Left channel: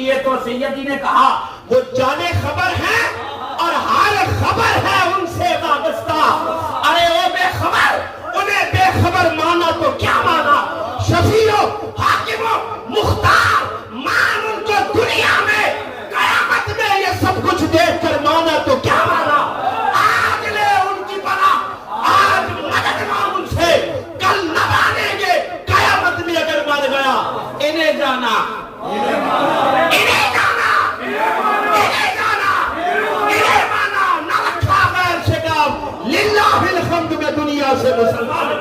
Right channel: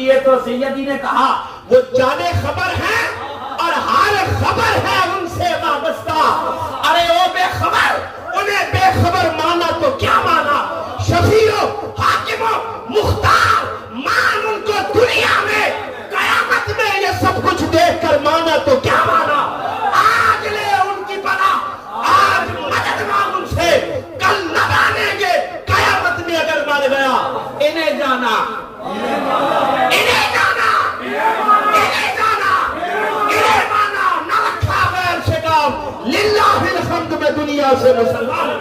یہ تو سیدی نے کہا وہ جانے خبر ہے اور ہر خبر ہے ان سے وابستہ. ارے وہ بے خبر، انہیں بے خبر مانا تو کیا مانا؟ شفیع حاکم مختار مان ان کو دنیا میں، قیامت میں یہ سب کچھ دیکھ کر مانا تو کیا مانا؟ آج لے ان کی پناہ، آج مدد مانگ ان سے، کل نہ مانیں گے قیامت میں اگر مر گیا. انہیں جانا، انہیں جانا، انہیں جانا، انہیں مانا، نہ رکھا غیر سے کام. للہ الحمد میں دنیا سے مسلمان